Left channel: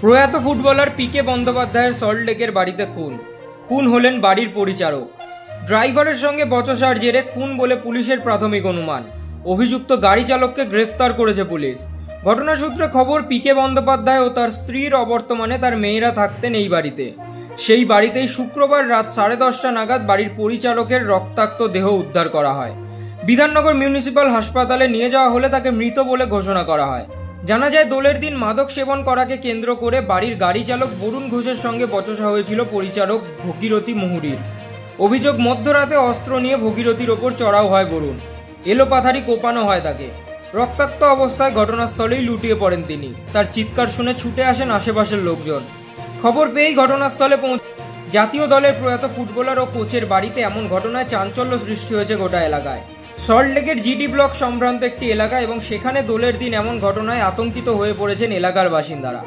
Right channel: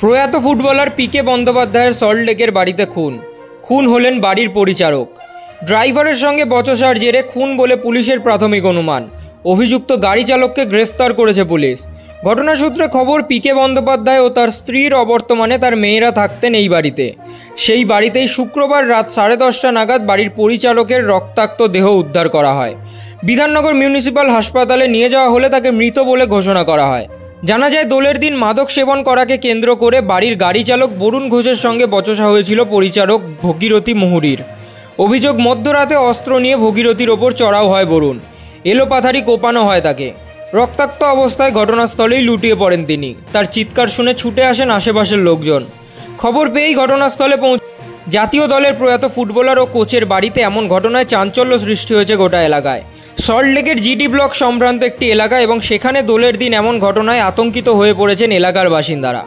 প্রয়াত ফুটবলার পিকে বন্দ্যোপাধ্যায়ের সল্টলেকের বাড়িতে খুন হলেন বাড়ির পরিচারক। ড্রাইভারের সঙ্গে বচসার জেরে খুন বলে পুলিশের প্রাথমিক অনুমান। অভিযুক্ত গাড়ি চালককে গ্রেফতার করেছে পুলিশ। ঘটনা সূত্রে খবর, পিকে বন্দ্যোপাধ্যায় ও তার স্ত্রীর অবর্তমানে তার মেয়েরা থাকতেন এই বাড়িতে। সেই বাড়িতেই শুক্রবার রাত 10:30 নাগাদ বাড়ির পরিচারকের রক্তাক্ত দেহ উদ্ধার করা হয়। বিধাননগর মিউনিসিপ্যাল হাসপাতালে নিয়ে যাওয়া হলে তাকে মৃত বলে ঘোষণা করা হয়। জানা যায়, দোলের দিন মাদক সেবন করাকে কেন্দ্র করে বাড়ির গাড়ি চালক বরুণ ঘোষের সঙ্গে বচসা হয়েছিল পরিচারক ভগীরথী মুহুরীর। অভিযোগ, মধ্যরাতে অস্ত্র নিয়ে ভগীরথীর ওপর চড়াও হয় বরুণ। এলোপাথারি কোপানো হয় তাকে। রক্তাক্ত অবস্থায় ঘটনাস্থলেই লুটিয়ে পড়েন তিনি। তার চিৎকার শুনে ছুটে আসেন আশেপাশের লোকজন। খবর পেয়েই ঘটনাস্থলে জাতীয় দলের প্রয়াত ফুটবলার ও কোচের বাড়িতে এমন ঘটনায় চাঞ্চল্য সৃষ্টি হয়েছে গোটা এলাকায়। সল্টলেকের জিডি ব্লক সম্ভ্রান্ত একটি এলাকা এবং সেখানে দোলের দিন এমন ঘটনায় আতঙ্কিত হয়ে পড়েছেন এলাকার বাসিন্দারা।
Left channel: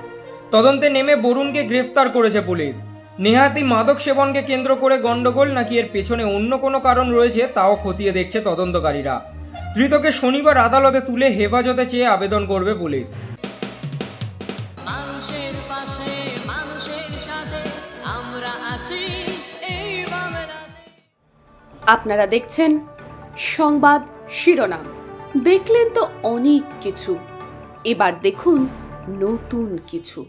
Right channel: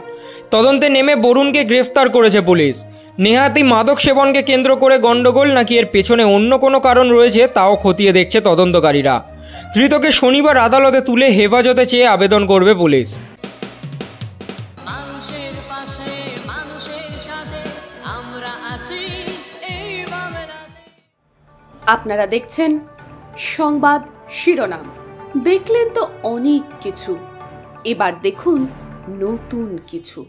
তদন্তে নেমে বরুণকে গ্রেফতার করেছে পুলিশ। নেহাতি মাদক সেবনকে কেন্দ্র করে গন্ডগোল নাকি এর পেছনে অন্য কোনো কারণ রয়েছে তাও খতিয়ে দেখছে তদন্তকারীরা। ধৃতকে শনিবার আদালতে তুলে হেফাজতে চেয়ে আবেদন করবে পুলিশ। আপনারা দেখছেন সংবাদ শিরোনাম। দেখলেন তো অনেক কিছু, এবার দেখুন নতুন কিছু।